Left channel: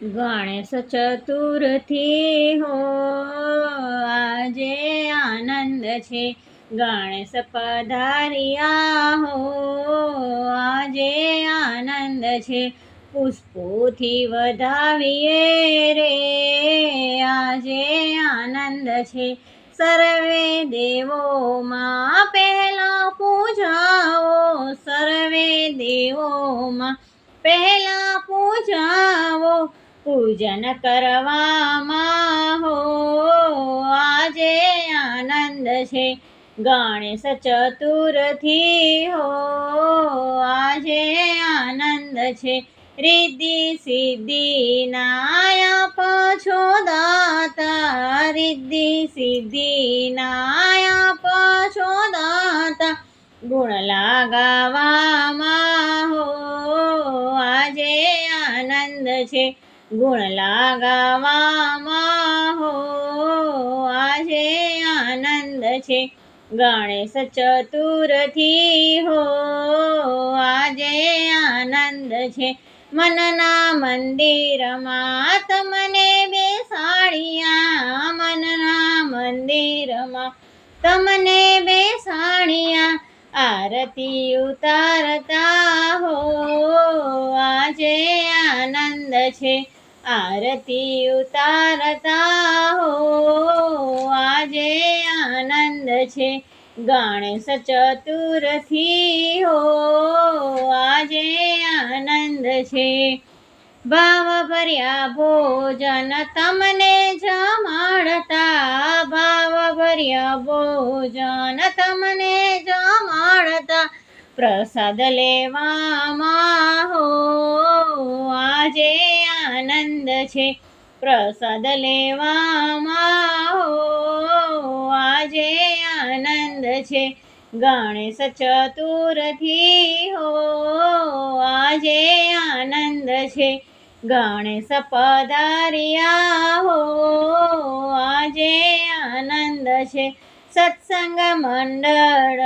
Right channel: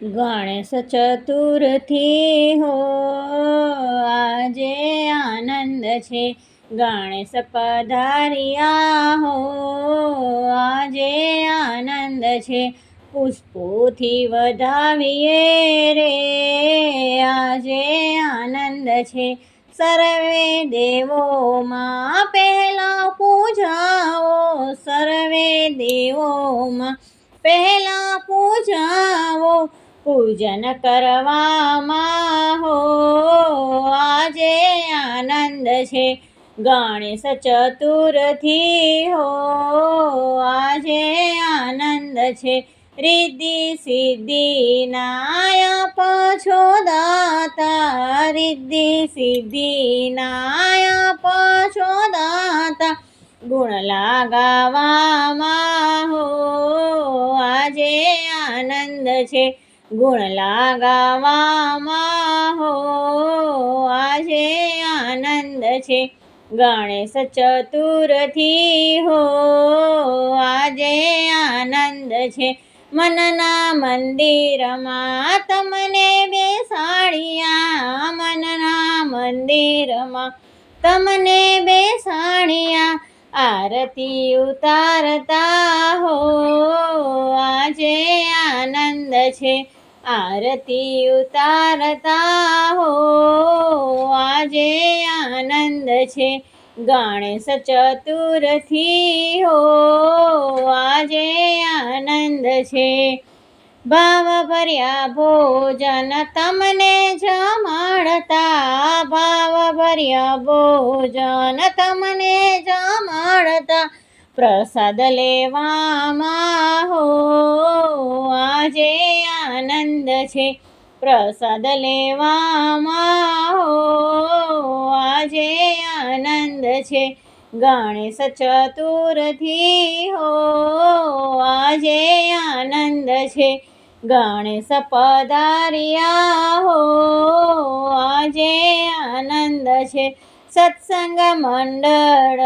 ગણેશ ચતુર્થી હો આજે આનંદ છે, ગણેશ પધાર્યા હો આજે આનંદ છે, પુષ્પોથી વધાવીએ રે આજે આનંદ છે, સર્વે દેવોમાં પહેલા પૂજાવો સર્વે દેવોમાં પહેલા પૂજાવો પૂજન કરવામાં હો આજે આનંદ છે, ગણેશ ચતુર્થી હો આજે આનંદ છે, રિદ્ધિ સિદ્ધિ નાયક છો દાતા રિદ્ધિ સિદ્ધિ નાયક છો દાતા ગુણ લાગાવામાં હો આજે આનંદ છે, ગુણ લાગાવામાં હો આજે આનંદ છે, ગણેશ ચતુર્થી હો આજે આનંદ છે, મનના મંદિરમાં તમને બેસાડ્યા મનના મંદિરમાં તમને બેસાડ્યા આરતી ઉતારતા હો આજે આનંદ છે, આરતી ઉતારતા હો આજે આનંદ છે, ગણેશ ચતુર્થી હો આજે આનંદ છે, ભાવ ભર્યા ભોજન તમને જમાડતા ભાવ ભર્યા ભોજન તમને જમાડતા પ્રસાદ લેવામાં હો આજે આનંદ છે, પ્રસાદ લેવામાં હો આજે આનંદ છે, ગણેશ ચતુર્થી હો આજે આનંદ છે, ગણેશ પધાર્યા હો આજે આનંદ છે, સત્સંગ મંડળ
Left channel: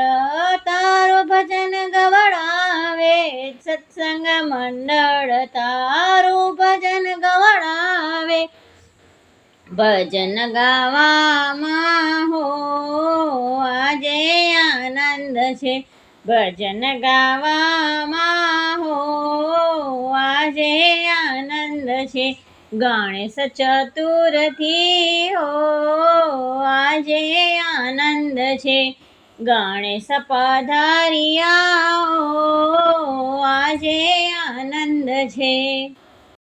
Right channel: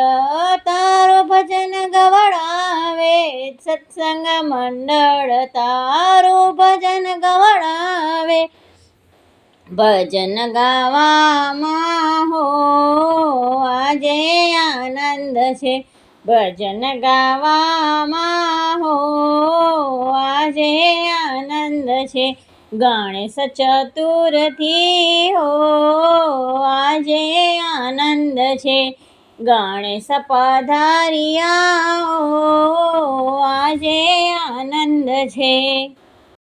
તારું ભજન ગવડાવે સત્સંગ મંડળ તારું ભજન ગવડાવે ભજન ગાવામાં હો આજે આનંદ છે, ભજન ગાવામાં હો આજે આનંદ છે, ગણેશ ચતુર્થી હો આજે આનંદ છે, ગણેશ પધાર્યા હો આજે આનંદ છે.